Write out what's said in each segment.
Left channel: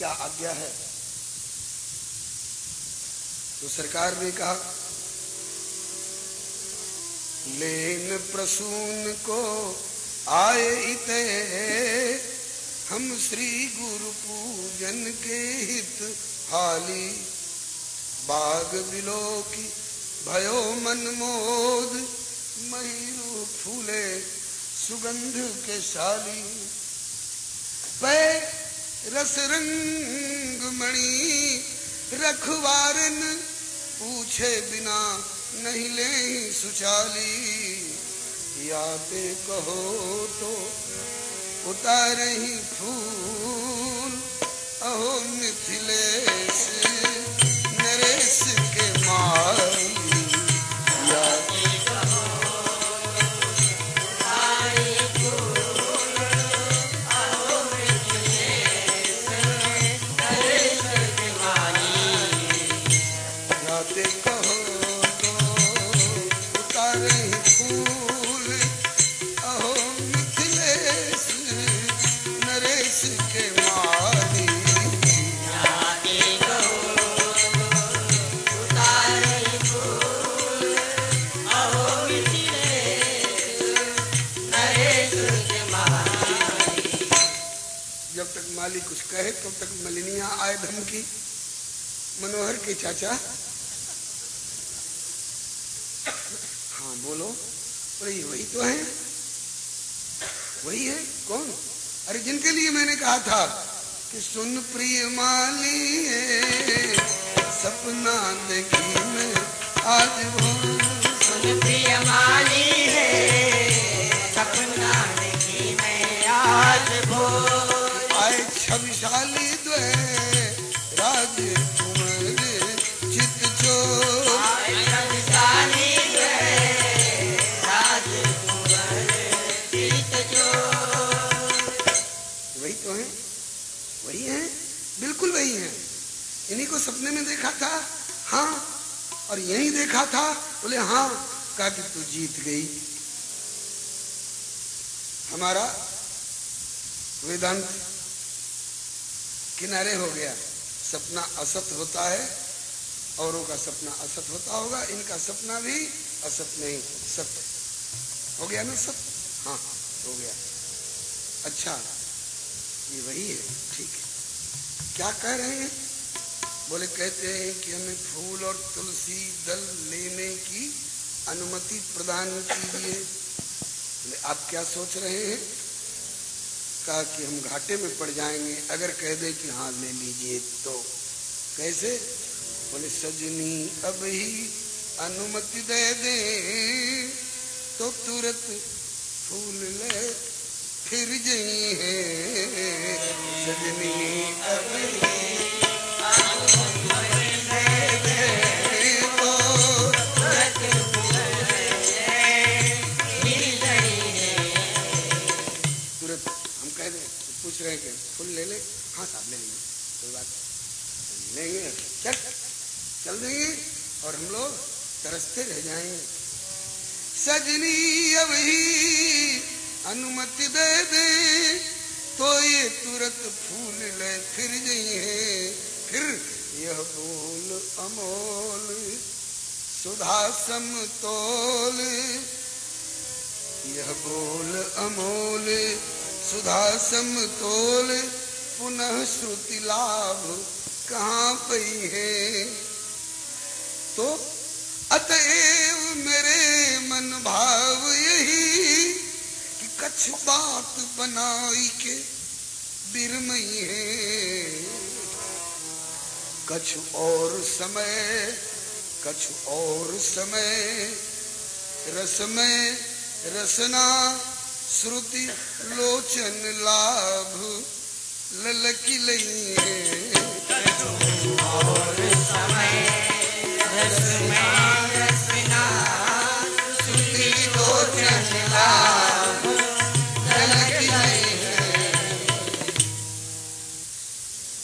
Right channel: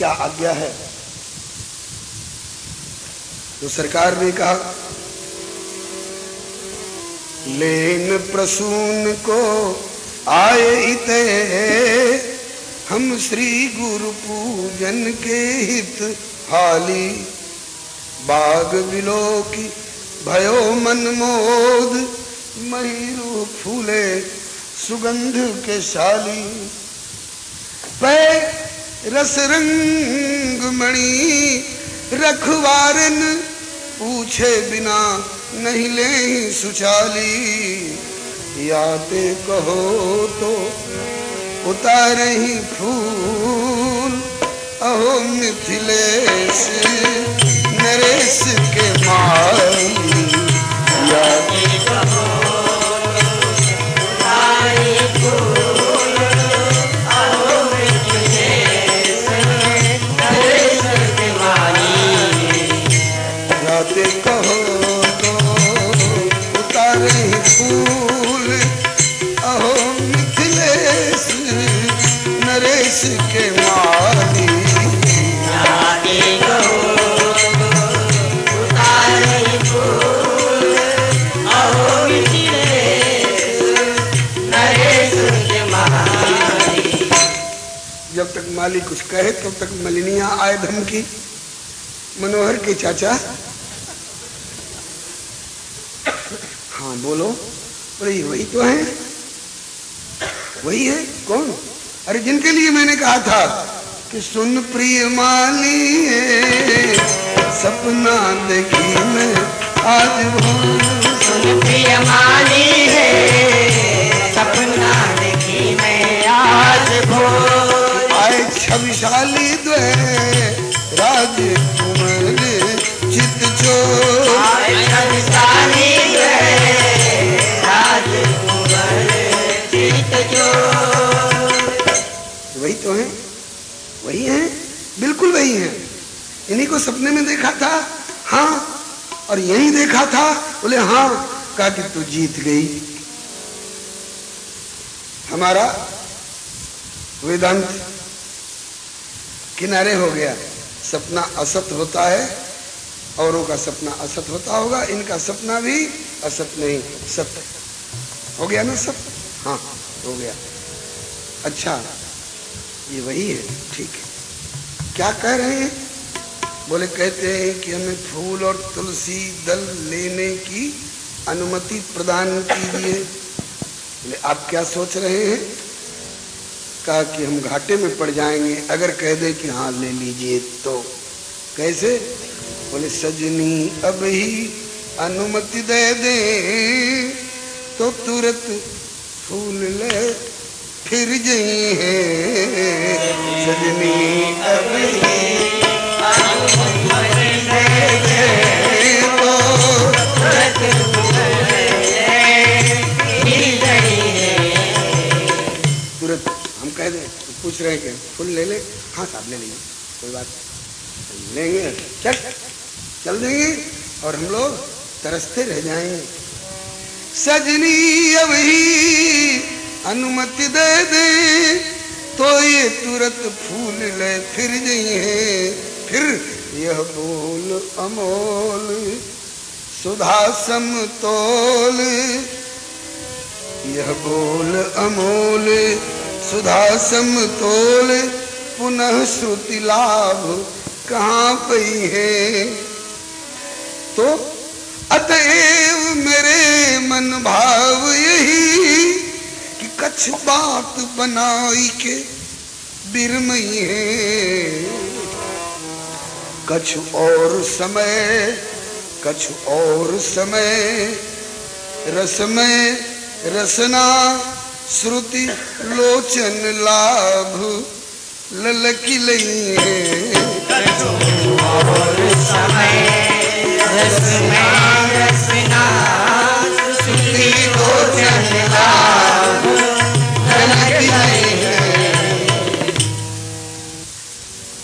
क्या आज्ञा है। तो सरकार ने कहा लेन प्रसून को आए इते हम श्री गुरु पूजन के हित हाली बाग बिलो की भयो मन मोद महीरू फूले सुगंध के शाली पै रस रंग मणि रखवारन पूछे बिना नहीं ले सुचाली याते कहो तो उतारे ही फूल अहो मिथिलेश नरेश के माई याते कहो माली कुछ कहे तब तक मलिनिया आए धमकी। मनोहर के चाचा हाँ बोलो, अरे वही तो है, वही है। कौन? अरे जिनके लिए मैंने कहा था कि सुन प्रिय माली सपना देखी मैं आज भोर। सुन प्रिय माली सपना देखी मैं आज भोर। छविशाली द्वे राजकुमार चित चोर। छविशाली द्वे राजकुमार चित चोर। वही तो है, वही है, बिल्कुल वही है। इन्हीं को सपने में देखा था। हाँ, और यही देखा था। बोले हाँ। कहा कि तू जीत गई। हमारा वेदांत किनारे हो गया। सपना असत होता है, औरों का सपना असत होता होगा, इनका सपना भी असत नहीं सत्य हो गया ना। सब हाँ हो गया। अच्छा ये वही है, ठीक है। क्या कह रहे हैं? बोले कहते हैं कि हमें फूल और तुलसी दल लेने की अनुमति प्रदान कीजिए। बोले आप क्या सोच रहे हैं? कहा कि हम घाटे में पड़ जाएंगे अगर कह दे कि हाँ ले लीजिए तो। कैसे? बोले सजनी अब ही अनुमति दे दे तो तुरंत फूल ले फिर जई है। सजनी अब ही अनुमति दे दे तो तुरंत फूल ले फिर जई है। तुरंत हम कह दें तो पूछ रहे हैं फूल ले ले। हाँ साहब ले लेंगे, कोई बात लेंगे, चल देंगे और हम लोग तरसते रह जाएंगे। सजनी अब ही अनुमति दे दे तो ये तुरंत फूल ले फिर जाइए। फिर यह बोल अमोल सुधा समतोल। यह बोल अमोल सुधा समतोल पुनः श्रुति लाभ कहाँ पई है। तो अतएव मेरे मन भाव यही कि कछ बात बनाई के बिरमई है। कछ और समय, कछ और समय रसमय रसना श्रुति लोचन लाभ ललकी लई है। और समय रसना रसना श्रुति लोचन लाभ ललकी लई है।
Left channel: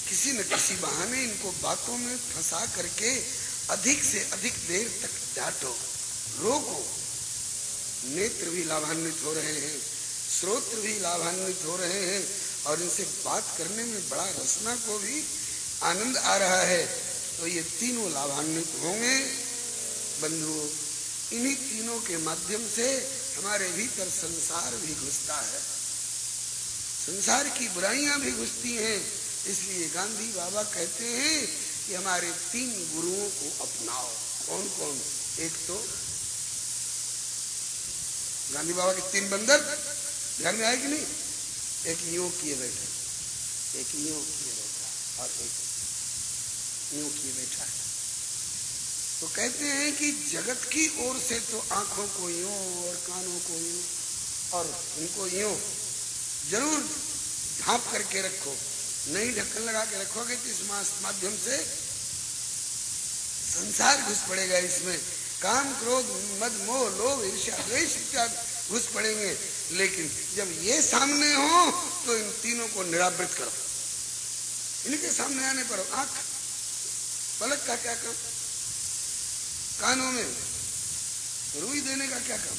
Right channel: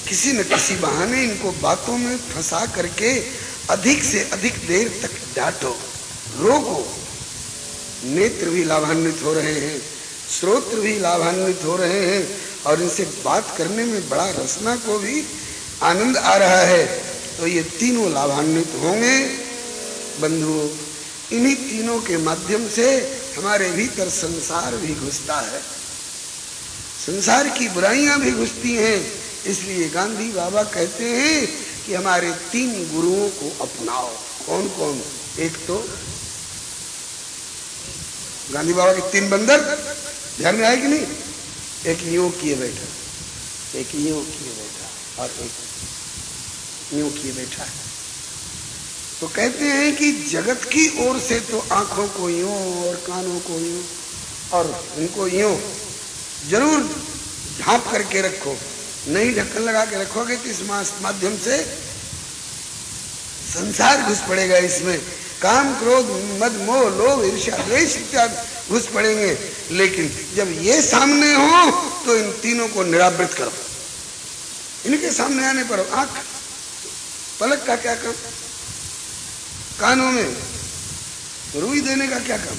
किसी न किसी बहाने इनको बातों में फंसा करके अधिक से अधिक देर तक डांटो, रोको। नेत्र भी लाभान्वित हो रहे हैं, श्रोत्र भी लाभान्वित हो रहे हैं और इनसे बात करने में बड़ा रसना को भी आनंद आ रहा है। तो ये तीनों लाभान्वित होंगे बंधुओं। इन्हीं तीनों के माध्यम से हमारे भीतर संसार भी घुसता है, संसार की बुराइयां भी घुसती हैं। इसलिए गांधी बाबा कहते हैं कि हमारे 3 गुरुओं को अपनाओ। कौन कौन? एक तो गांधी बाबा के 3 बंदर ध्यान में आए कि नहीं? एक यूं किए बैठा, एक यूं किए बैठा और एक यूं किए बैठा है। तो कहते हैं कि जगत की ओर से तो आंखों को यूं और कानों को यूं और इनको यूं जरूर ढांप करके रखो, नहीं ढक्कन लगा के रखोगे तो इस माध्यम से संसार घुस पड़ेगा। इसमें काम, क्रोध, मद, मोह, लोभ, ईर्ष्या, द्वेष इत्यादि घुस पड़ेंगे। लेकिन जब ये सामने हो तो इन तीनों को निरावृत करो। इनके सामने आने पर आंख पलक का क्या काम, कानों में रुई देने का क्या काम,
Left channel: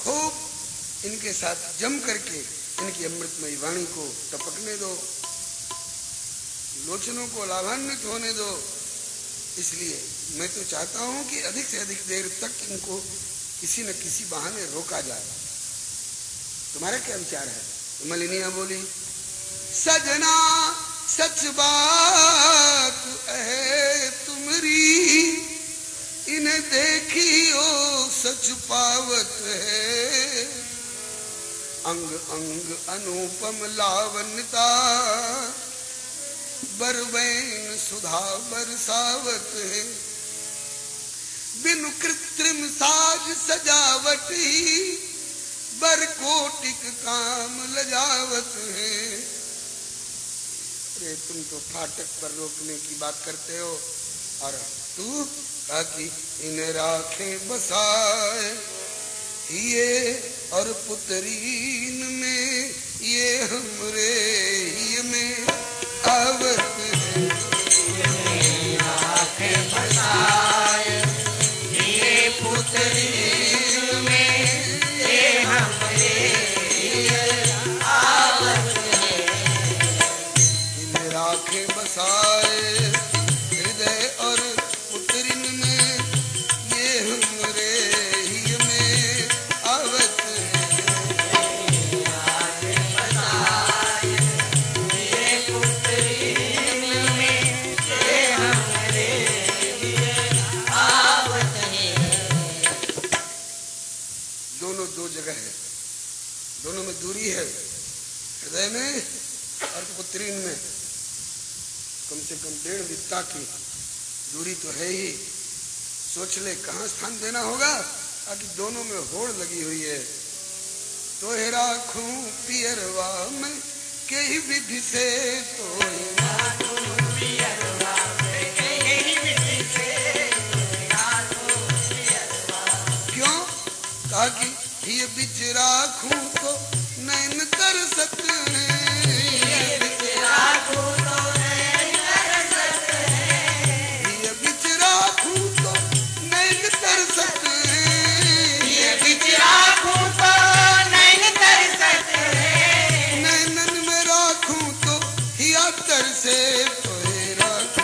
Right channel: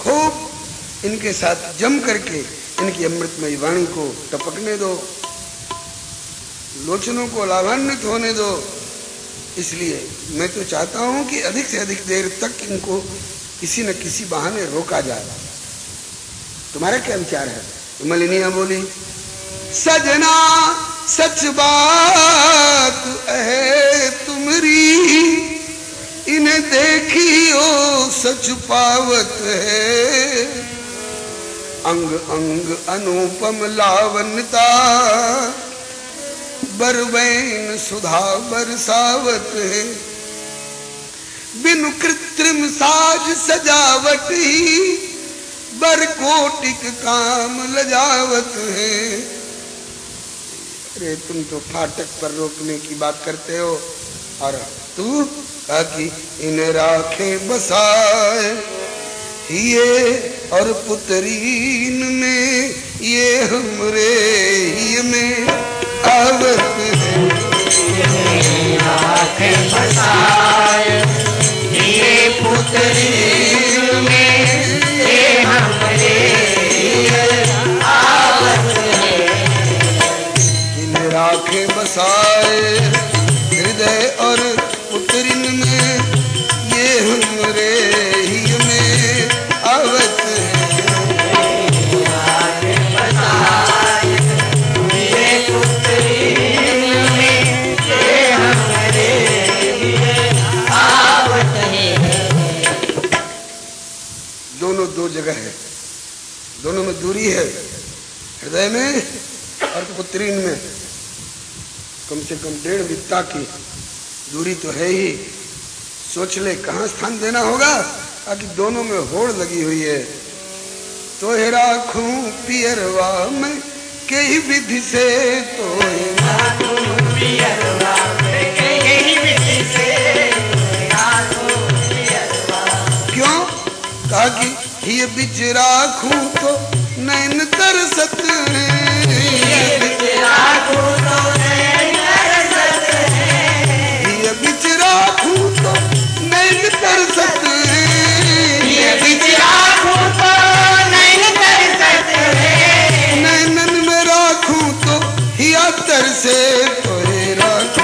खूब इनके साथ जम करके इनकी अमृतमयी वाणी को टपकने दो, लोचनों को लाभान्वित होने दो। इसलिए मैं तो चाहता हूं कि अधिक से अधिक देर तक इनको किसी न किसी बहाने रोका जाए। तुम्हारा क्या विचार है? तो मलिनिया बोली, सजना सच बात है तुमरी, इन्हें देखियो सच पावत है, अंग अंग अनुपम लावण्यता, बरवैन सुधा बरसावत है, बिनु कृत्रिम साज सजावट ही, बर कोटिक काम लजावत है। अरे तुम तो फाटक पर रोकने की बात करते हो और तू ताकि इन्हें राखे बसाए, ये और पुतरीन में ये हमरे ही में आवत है, राखे बसाए, ये पुतरीन में ये हमरे आवत है, इन्हें राखे बसाए हृदय और पुतरीन में ये हमरे ही में आवत दो जगह है, दोनों में दूरी है, हृदय में और पुत्रीन में कम से कम 1.5 बित्ता की दूरी तो है ही। सोच ले कहाँ स्थान देना होगा, ताकि दोनों में होड़ लगी हुई है। तो हे राखूं पियरवा में कई विधि से, तो क्यों? ताकि ये बिच राखूं तो नैन तरसत है, ये बिच राखूं तो नैन तरसत है, ये बिच राखूं तो नैन तरसत है, ये बिच राखूं तो नैन तरसत है, नैनन में राखूं तो हिया तरसे, तो हे राखूं